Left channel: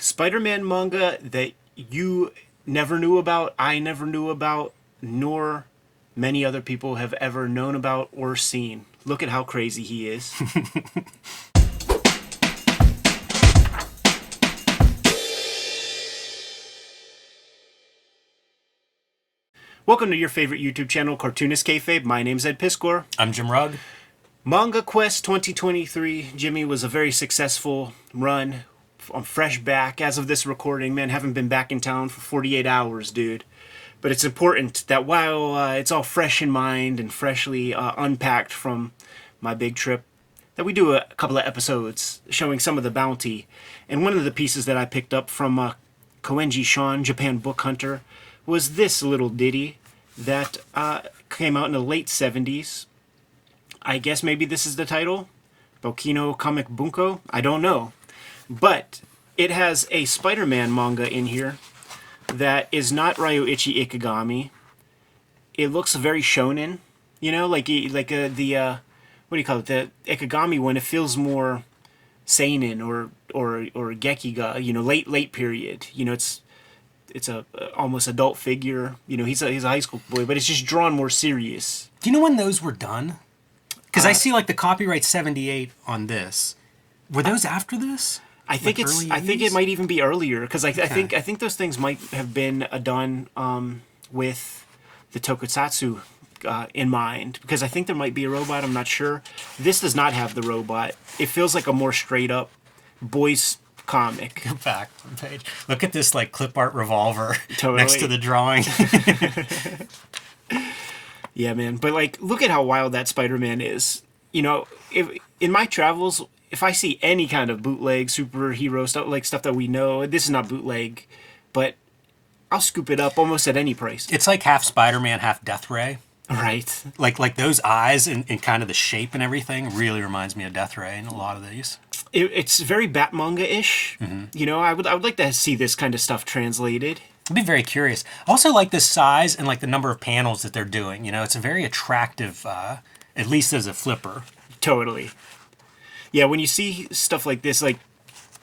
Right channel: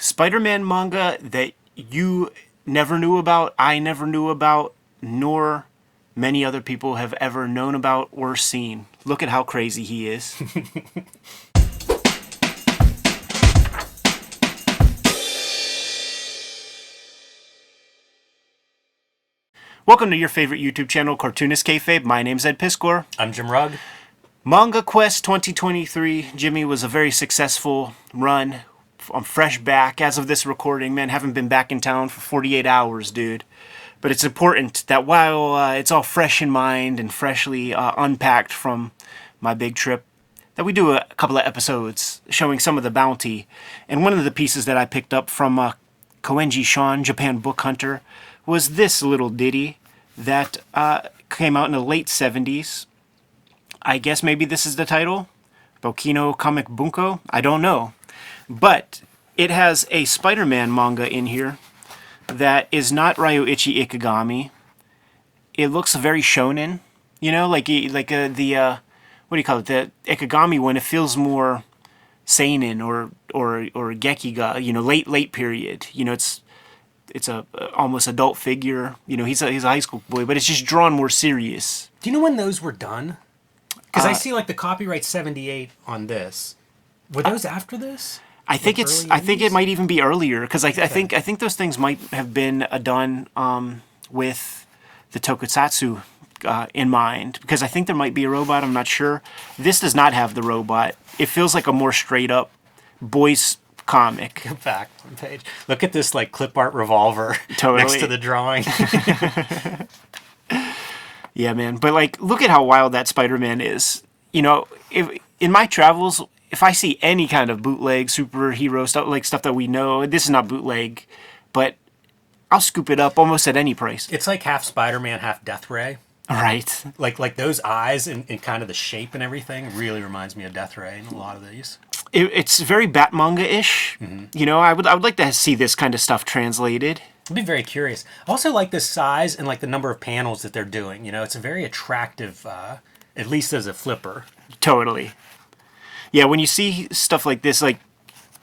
Spider-Man manga that you never knew about, I never knew about, nor many other people have ever known about or seen. Look at how crazy he is. Welcome to your favorite YouTube channel, Cartoonist Kayfabe. My name's Ed Piskor. I'm Jim Rugg. Manga Quest 2023, Jimmy, was a very successful run. I'm fresh back as of this recording, man. Haven't been back in town for 48 hours, dude. But it's important that while it's all fresh in mind and freshly unpacked from my big trip, that we do a couple of episodes showing some of the bounty. And one of the pieces that I picked up from Koenji Sean, Japan Book Hunter, was this little ditty that came out in the late 70s. I guess maybe this is the title, Bokino Comic Bunko. I don't know. But it has a Spider-Man manga in here that is not Ryoichi Ikegami. It looks very shonen, you know, like the what do you call it? The Ikegami one. It feels more seinen or gekiga, you know, late period. You know, it's a almost adult figure. You know, he's a high school boy, but it's just drawn more serious. Do you know when those were done? Because I see like the copyright 78 on this. Were those after this? I think I think it might even be earlier because I think those things might have been done with the tokusatsu in mind, because I think there might be a robot. I'm not sure. This does not have the robot. It feels like a more straight up boys comic. Go back one page. Look at this like clip art revolver next to the drawing. Yeah, man. But like, look at how wild that Spider-Man is. You know, if in my travels, if I see any kind of bootleg superhero stuff, like stuff that we know, this is not bootleg, but I'll scoop it up almost at any price. It's like half Spider-Man, half Death Ray. Right. Like those eyes and kind of the shape and everything really reminds me of Death Ray in a lot of these. It's very Batmanga-ish. Mm-hmm. You know, I would like to see this kind of stuff translated. I'd be very curious. I also like the size and like the number of panels that they're doing. You know, it's a very attractive, at least as a flipper. Totally. Yeah, when you see stuff like this, like,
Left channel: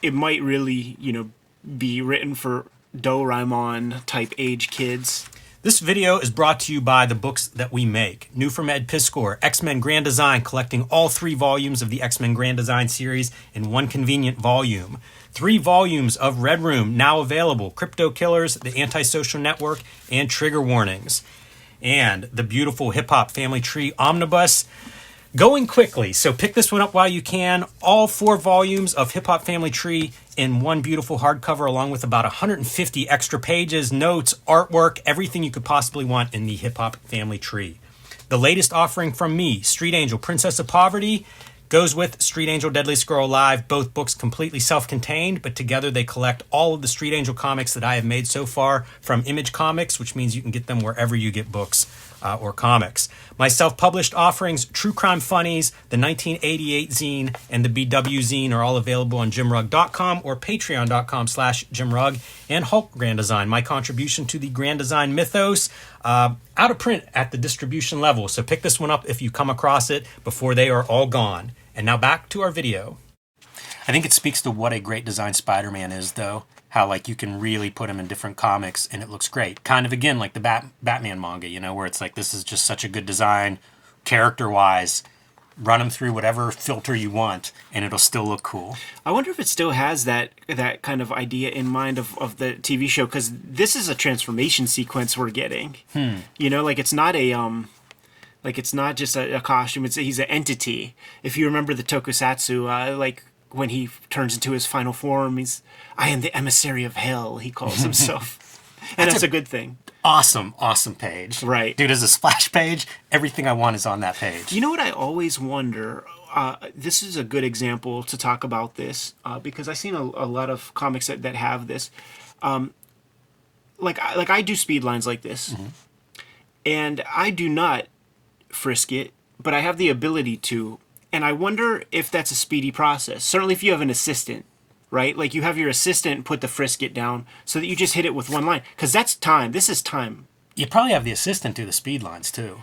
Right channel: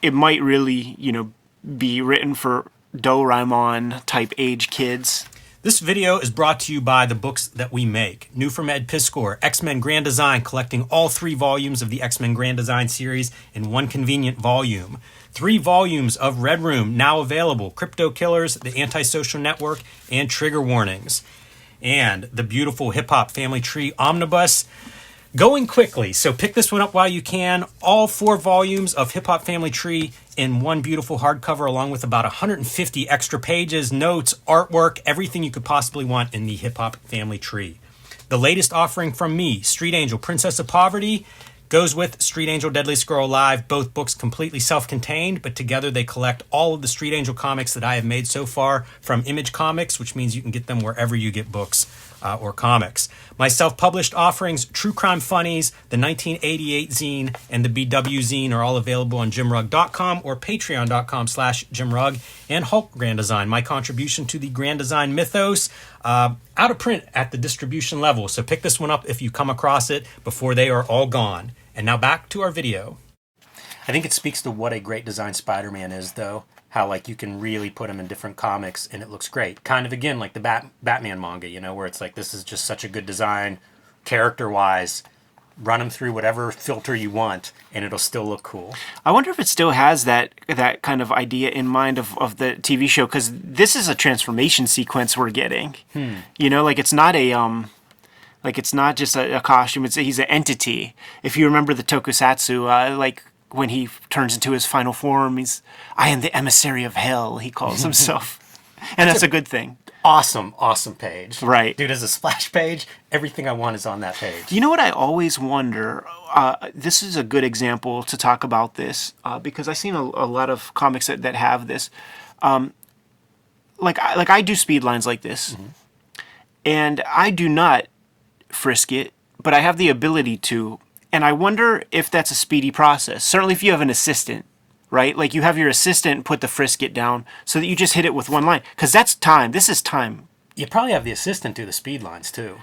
it might really, you know, be written for Doraemon type age kids. This video is brought to you by the books that we make. New from Ed Piskor, X-Men Grand Design, collecting all 3 volumes of the X-Men Grand Design series in one convenient volume. 3 volumes of Red Room, now available. Crypto Killers, The Antisocial Network, and Trigger Warnings. And the beautiful Hip Hop Family Tree Omnibus. Going quickly, so pick this one up while you can. All 4 volumes of Hip Hop Family Tree in one beautiful hardcover, along with about 150 extra pages, notes, artwork, everything you could possibly want in the Hip Hop Family Tree. The latest offering from me, Street Angel, Princess of Poverty, goes with Street Angel, Deadliest Girl Alive. Both books completely self-contained, but together they collect all of the Street Angel comics that I have made so far from Image Comics, which means you can get them wherever you get books or comics. My self-published offerings, True Crime Funnies, the 1988 zine, and the BW zine are all available on jimrugg.com or patreon.com/jimrugg. And Hulk Grand Design, my contribution to the Grand Design mythos, out of print at the distribution level. So pick this one up if you come across it before they are all gone. And now back to our video. I think it speaks to what a great design Spider-Man is, though. How, like, you can really put him in different comics and it looks great. Kind of, again, like the Batman manga, you know, where it's like, this is just such a good design, character-wise. Run him through whatever filter you want and it'll still look cool. I wonder if it still has that kind of idea in mind of the TV show, because this is a transformation sequence we're getting. You know, like, it's not it's not just a costume. He's an entity. If you remember the tokusatsu, like when he turns into his final form, I am the emissary of hell, he calls himself. And that's a good thing. Awesome page. Right. Dude, as a splash page, everything I want is on that page. You know what I always wonder? This is a good example to talk about this, because I've seen a lot of comics that have this. Like I do speed lines like this. Mm-hmm. And I do not frisk it, but I have the ability to. And I wonder if that's a speedy process. Certainly if you have an assistant, right? Like, you have your assistant put the frisk it down so that you just hit it with one line. Because that's time. This is time. You probably have the assistant do the speed lines, too.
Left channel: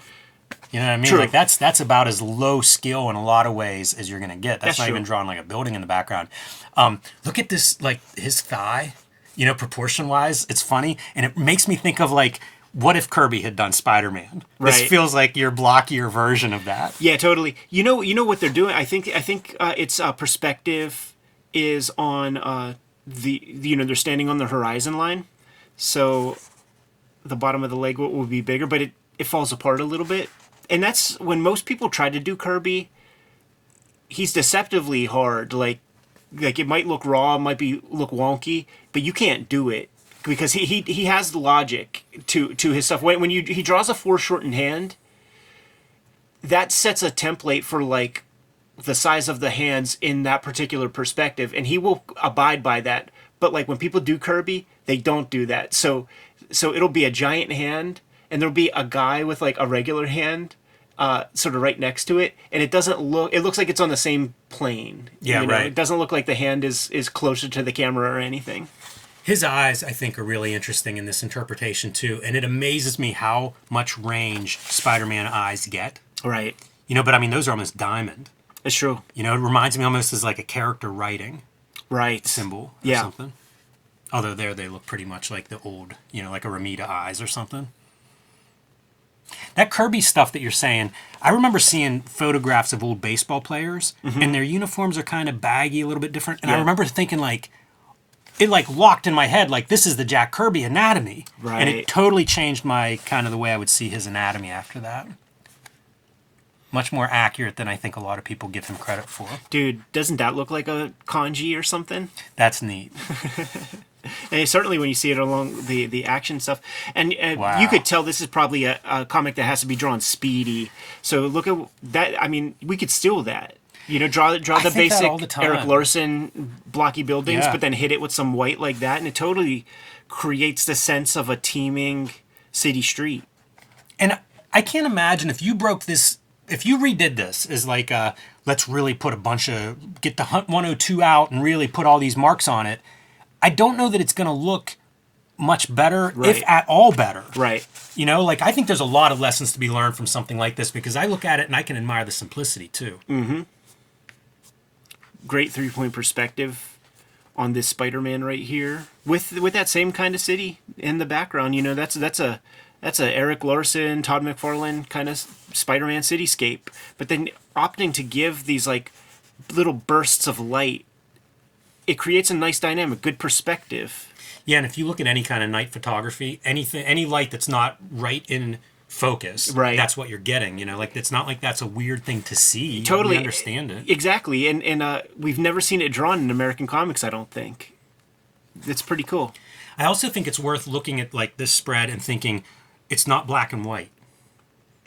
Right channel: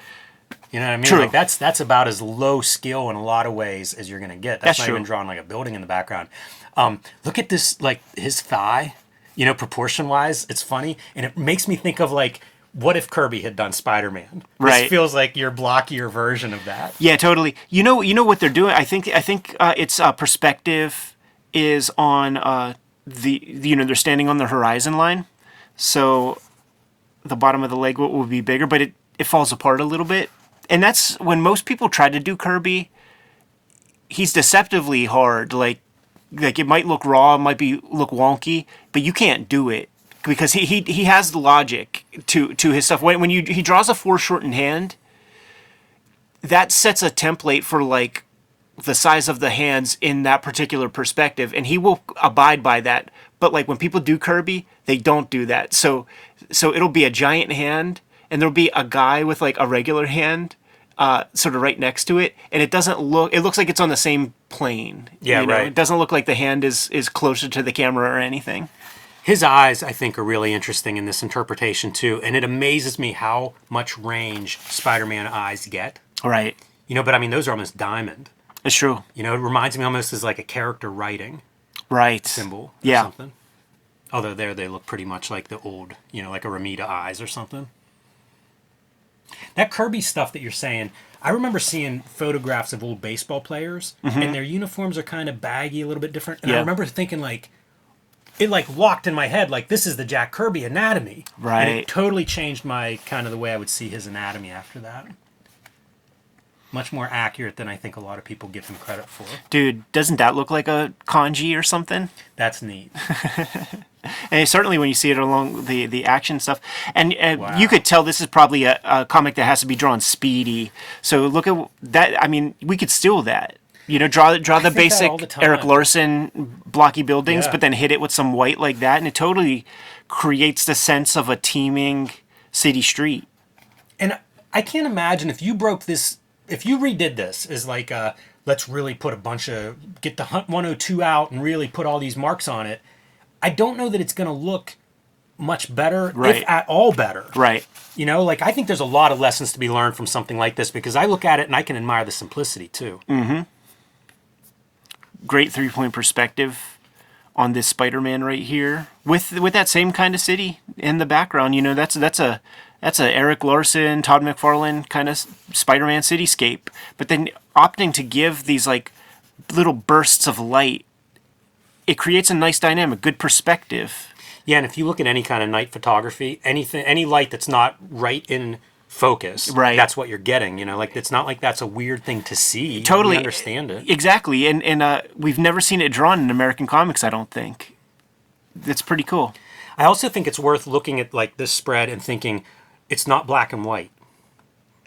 You know what I mean? True. Like that's about as low skill in a lot of ways as you're gonna get. That's not true. even drawing like a building in the background. Look at this, like his thigh. You know, proportion wise, it's funny, and it makes me think of like, what if Kirby had done Spider-Man? This Right. feels like your blockier version of that. Yeah, totally. You know what they're doing. I think it's perspective is on they're standing on the horizon line, so the bottom of the leg will be bigger, but it falls apart a little bit, and that's when most people try to do Kirby. He's deceptively hard. Like it might look raw, it might look wonky, but you can't do it because he has the logic to his stuff. When he draws a foreshortened hand, that sets a template for like the size of the hands in that particular perspective, and he will abide by that. But like when people do Kirby, they don't do that. So it'll be a giant hand, and there'll be a guy with like a regular hand, sort of right next to it, and it doesn't look. It looks like it's on the same plane. Yeah, you know? right. It doesn't look like the hand is closer to the camera or anything. His eyes, I think, are really interesting in this interpretation too, and it amazes me how much range Spider-Man eyes get. Right. You know, but I mean, those are almost diamond. It's true. You know, it reminds me almost as like a character writing Right. symbol or Yeah. something. Although there they look pretty much like the old, you know, like a Ramita eyes or something. That Kirby stuff that you're saying, I remember seeing photographs of old baseball players, and their uniforms are kind of baggy, a little bit different. And I Yeah. remember thinking like, it like locked in my head, like this is the Jack Kirby anatomy. And it Right. totally changed my kind of the way I would see his anatomy after that. Much more accurate than I think a lot of people give him credit for. Dude, doesn't that look like a kanji or something? That's neat. And certainly when you see it along the action stuff, and Wow. you could tell this is probably a comic that has to be drawn speedy. So look at that. I mean, we could steal that. You know, draw the think that basic all the time. Eric Larson blocky buildings, Yeah. but then hit it with some white like that, and it totally creates the sense of a teeming city street. And I can't imagine if you broke this, if you redid this as like, let's really put a bunch of, get the Hunt 102 out and really put all these marks on it. I don't know that it's going to look much better, if Right. at all better. Right. You know, like I think there's a lot of lessons to be learned from something like this because I look at it and I can admire the simplicity too. Great 3-point perspective on this Spider-Man right here with that same kind of city in the background. You know, that's a Eric Larson, Todd McFarlane kind of Spider-Man cityscape. But then opting to give these like little bursts of light, it creates a nice dynamic, good perspective. Yeah, and if you look at any kind of night photography, anything, any light that's not right in focus, Right. that's what you're getting. You know, like it's not like that's a weird thing to see. Totally. We understand it. Exactly, and we've never seen it drawn in American comics, I don't think. It's pretty cool. I also think it's worth looking at like this spread and thinking it's not black and white.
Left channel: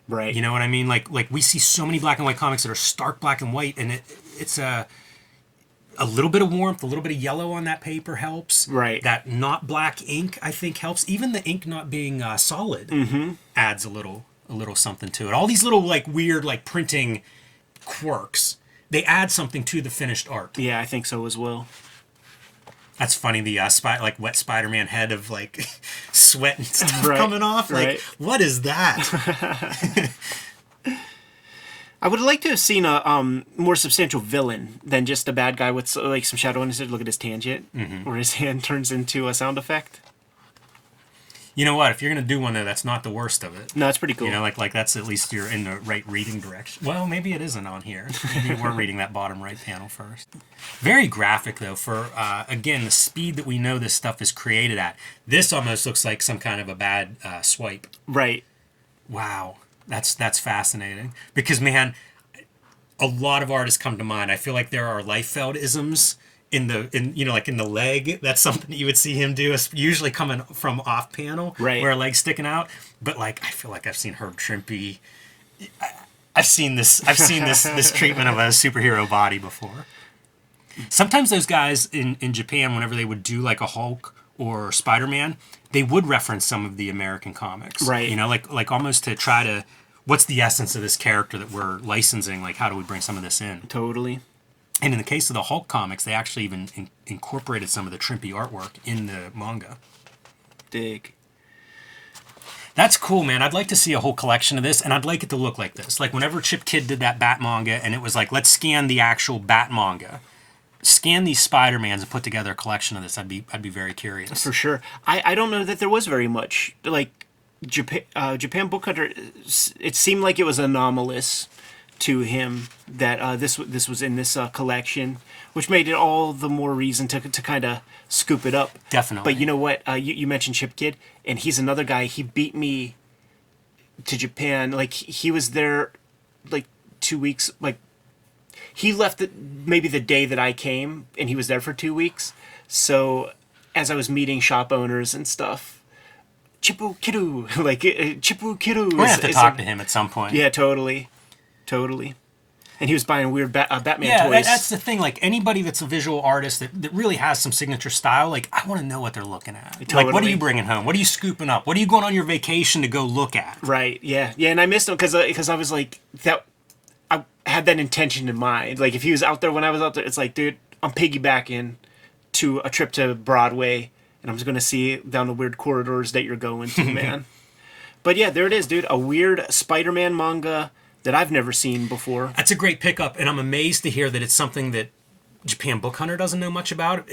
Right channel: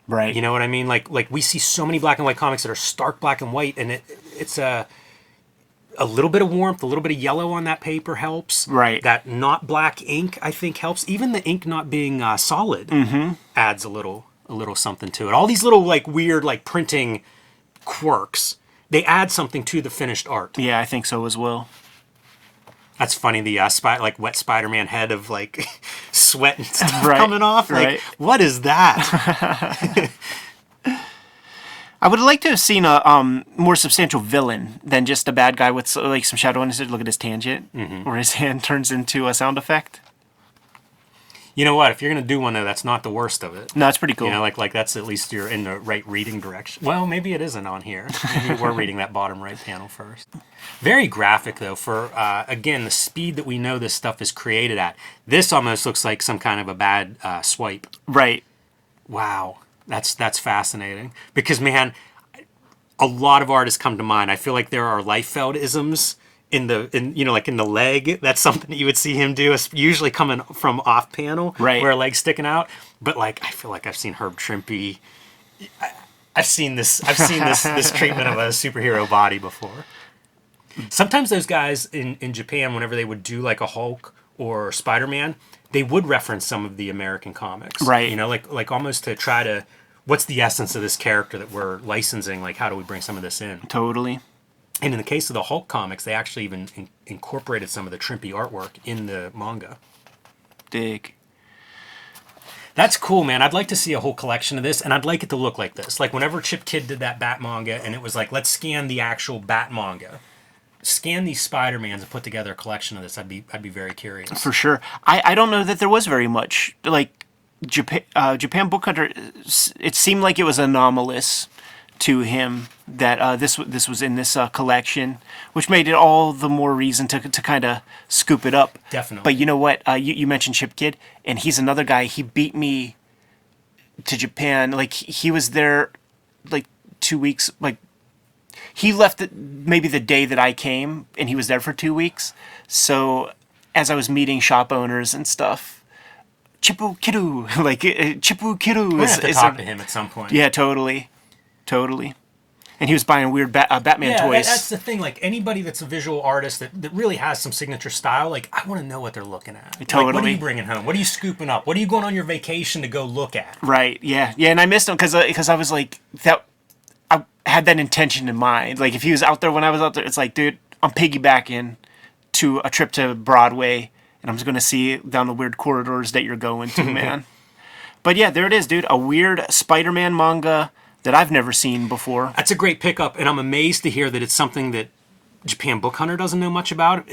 Right. You know what I mean? Like we see so many black and white comics that are stark black and white, and it's a little bit of warmth, a little bit of yellow on that paper helps. Right. That not black ink, I think, helps. Even the ink not being solid adds a little something to it. All these little like weird like printing quirks, they add something to the finished art. Yeah, I think so as well. That's funny. The like wet Spider-Man head of like sweat and stuff Right, coming off. Like, right. what is that? I would like to have seen a more substantial villain than just a bad guy with like some shadow on his head. Look at his tangent, where his hand turns into a sound effect. You know what? If you're gonna do one though, that's not the worst of it. No, it's pretty cool. You know, like that's at least you're in the right reading direction. Well, maybe it isn't on here. Maybe we're reading that bottom right panel first. Very graphic though for again the speed that we know this stuff is created at. This almost looks like some kind of a bad swipe. Right. Wow, that's fascinating because man, a lot of artists come to mind. I feel like there are Liefeld-isms in the leg. That's something that you would see him do. It's usually coming from off panel, Right. where a leg's sticking out. But like, I feel like I've seen Herb Trimpe. I've seen this treatment of a superhero body before. Sometimes those guys in Japan, whenever they would do like a Hulk or Spider-Man, they would reference some of the American comics. Right. You know, like almost to try to, what's the essence of this character that we're licensing? Like, how do we bring some of this in? Totally. And in the case of the Hulk comics, they actually even incorporated some of the Trimpe artwork in the manga. Dig. That's cool, man. I'd like to see a whole collection of this, and I'd like it to look like this. Like whenever Chip Kidd did that Bat manga, and it was like, let's scan the actual Bat manga, scan these Spider-Mans, and put together a collection of this. I'd be very curious. For sure. I don't know that there was very much. Like, Japan Book Hunter, it seemed like it was anomalous to him that this was in this collection, which made it all the more reason to kind of scoop it up. Definitely. But you know what? You mentioned Chip Kidd, and he's another guy. He beat me to Japan. Like, he was there like 2 weeks. Like, he left maybe the day that I came, and he was there for 2 weeks. So as I was meeting shop owners and stuff, Chippu Kiddu, like Chippu Kiddu. We're gonna have to talk to him at some point. Yeah, totally. And he was buying weird Batman yeah, toys. that's the thing. Like anybody that's a visual artist that really has some signature style, like I want to know what they're looking at. Totally. Like, what are you bringing home? What are you scooping up? What are you going on your vacation to go look at? Right. Yeah. And I missed him because I was like that. I had that intention in mind. Like if he was out there when I was out there, it's like, dude, I'm piggybacking to a trip to Broadway, and I'm just gonna see down the weird corridors that you're going to, man. But yeah, there it is, dude. A weird Spider-Man manga that I've never seen before. That's a great pickup, and I'm amazed to hear that it's something that Japan Book Hunter doesn't know much about.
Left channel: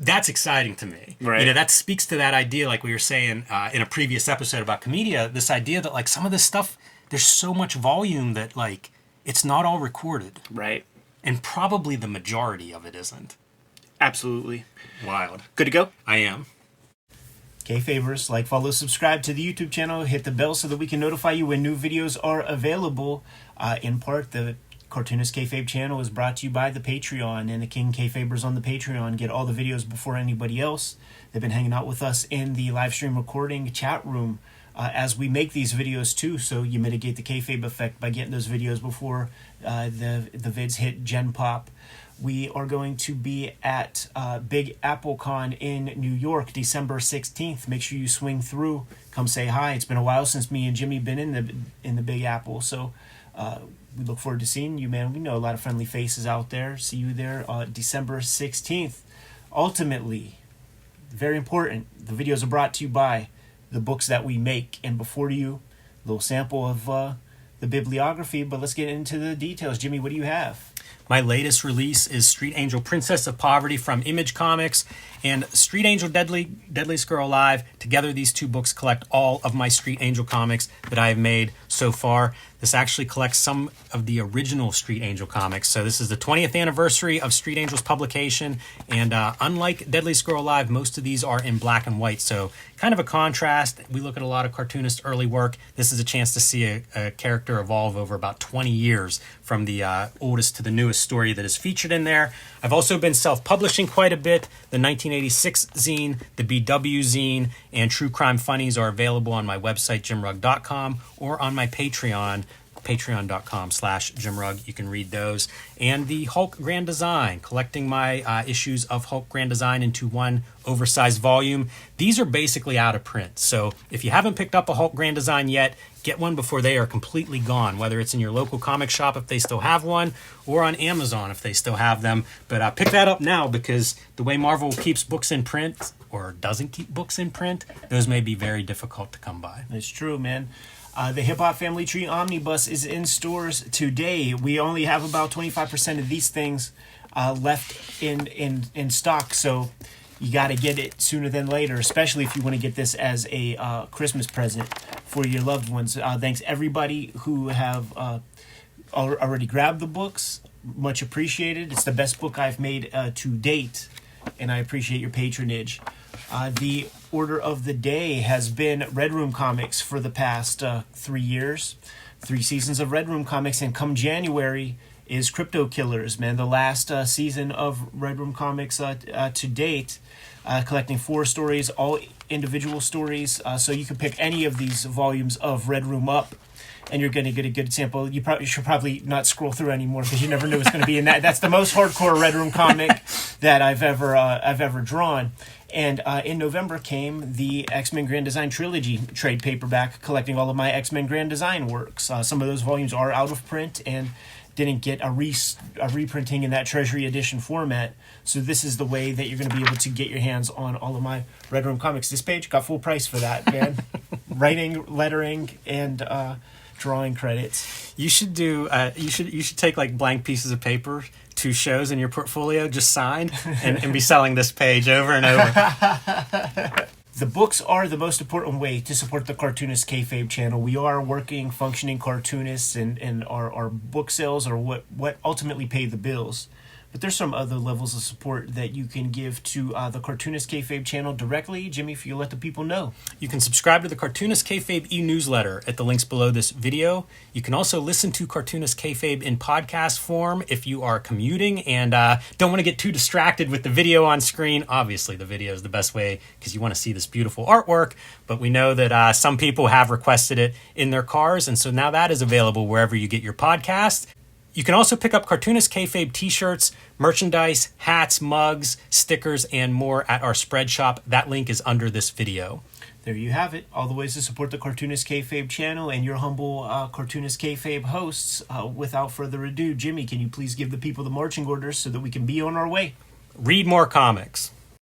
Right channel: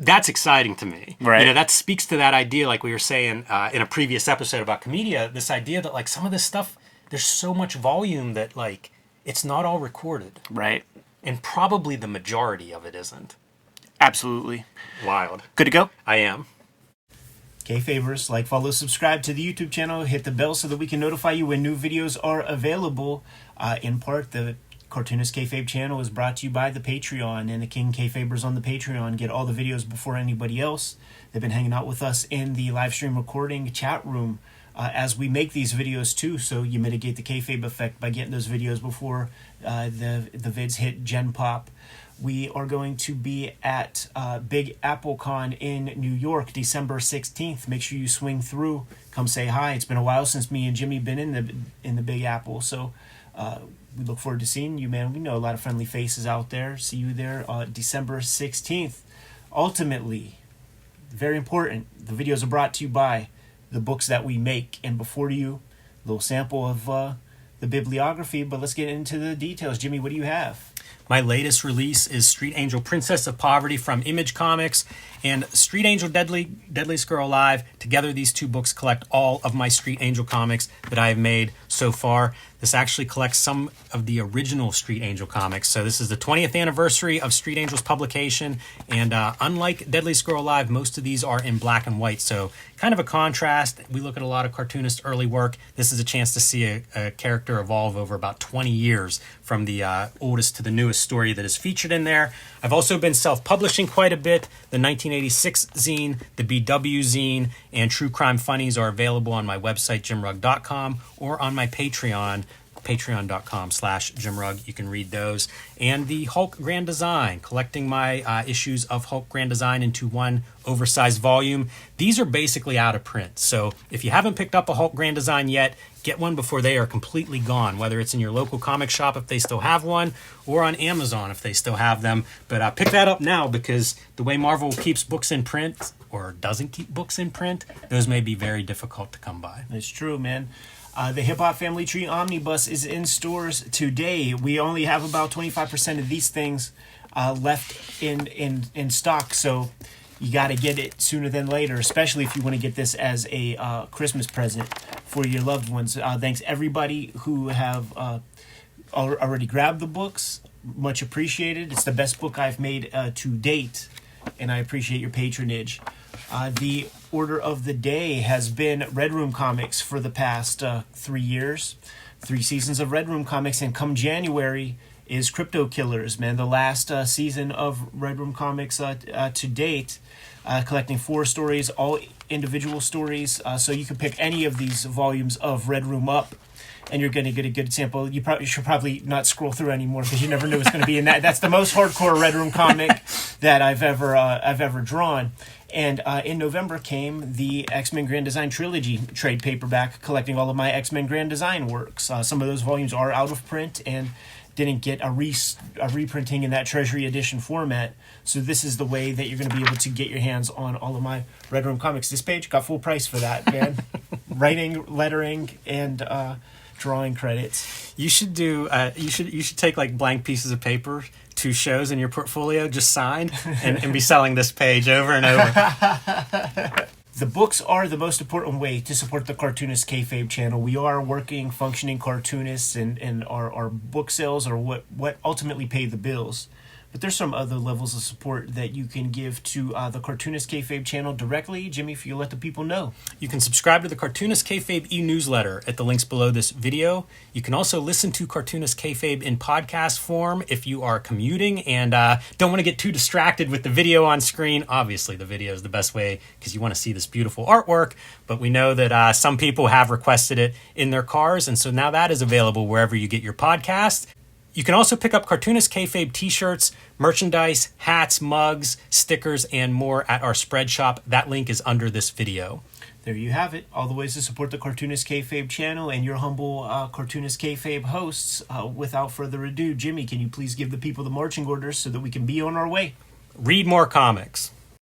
That's exciting to me. Right. You know, that speaks to that idea, like we were saying in a previous episode about Comedia, this idea that like some of this stuff, there's so much volume that like it's not all recorded. Right. And probably the majority of it isn't. Absolutely. Wild. Good to go? I am. Kayfabers, like, follow, subscribe to the YouTube channel, hit the bell so that we can notify you when new videos are available. In part, the Cartoonist Kayfabe channel is brought to you by the Patreon, and the King Kayfabers on the Patreon get all the videos before anybody else. They've been hanging out with us in the live stream recording chat room as we make these videos too, so you mitigate the kayfabe effect by getting those videos before the vids hit Gen Pop. We are going to be at Big Apple Con in New York, December 16th. Make sure you swing through. Come say hi. It's been a while since me and Jimmy been in the Big Apple, so we look forward to seeing you, man. We know a lot of friendly faces out there. See you there December 16th. Ultimately, very important, the videos are brought to you by the books that we make. And before you, a little sample of the bibliography, but let's get into the details. Jimmy, what do you have? My latest release is Street Angel Princess of Poverty from Image Comics and Street Angel Deadliest Girl Alive. Together, these two books collect all of my Street Angel comics that I have made so far. This actually collects some of the original Street Angel comics. So this is the 20th anniversary of Street Angel's publication. And unlike Deadliest Girl Alive, most of these are in black and white. So kind of a contrast. We look at a lot of cartoonist early work. This is a chance to see a character evolve over about 20 years from the oldest to the newest story that is featured in there. I've also been self-publishing quite a bit. The 1986 zine, the BW zine, and True Crime Funnies are available on my website, jimrugg.com, or on my Patreon, patreon.com/jimrugg. You can read those. And the Hulk Grand Design, collecting my issues of Hulk Grand Design into one oversized volume. These are basically out of print. So if you haven't picked up a Hulk Grand Design yet, get one before they are completely gone, whether it's in your local comic shop if they still have one, or on Amazon if they still have them. But pick that up now, because the way Marvel keeps books in print, or doesn't keep books in print, those may be very difficult to come by. It's true, man. The Hip Hop Family Tree Omnibus is in stores today. We only have about 25% of these things left in stock, so you got to get it sooner than later, especially if you want to get this as a Christmas present for your loved ones. Thanks everybody who have already grabbed the books. Much appreciated. It's the best book I've made to date, and I appreciate your patronage. The order of the day has been Red Room Comics for the past 3 years. 3 seasons of Red Room Comics, and come January is Crypto Killers, man. The last season of Red Room Comics to date, collecting 4 stories, all individual stories. So you can pick any of these volumes of Red Room up, and you're going to get a good sample. You should probably not scroll through anymore, because you never know what's going to be in that. That's the most hardcore Red Room comic that I've ever drawn. And in November came the X-Men Grand Design Trilogy trade paperback, collecting all of my X-Men Grand Design works. Some of those volumes are out of print and didn't get a reprinting in that Treasury Edition format. So this is the way that you're going to be able to get your hands on all of my Red Room comics. This page got full price for that, man. writing, lettering, and drawing credits. You should do. You should take like blank pieces of paper, 2 shows in your portfolio, just signed, and be selling this page over and over. The books are the most important way to support the Cartoonist Kayfabe channel. We are working, functioning cartoonists, and our book sales are what ultimately pay the bills. But there's some other levels of support that you can give to the Cartoonist Kayfabe channel directly. Jimmy, if you let the people know. You can subscribe to the Cartoonist Kayfabe e-newsletter at the links below this video. You can also listen to Cartoonist Kayfabe in podcast form if you are commuting and don't want to get too distracted with the video on screen. Obviously, the video is the best way because you want to see this beautiful artwork, but we know that some people have requested it in their cars, and so now that is available wherever you get your podcast. You can also pick up Cartoonist Kayfabe t-shirts, merchandise, hats, mugs, stickers, and more at our spread shop. That link is under this video. There you have it. All the ways to support the Cartoonist Kayfabe channel and your humble Cartoonist Kayfabe hosts. Without further ado, Jimmy, can you please give the people the marching orders so that we can be on our way? Read more comics.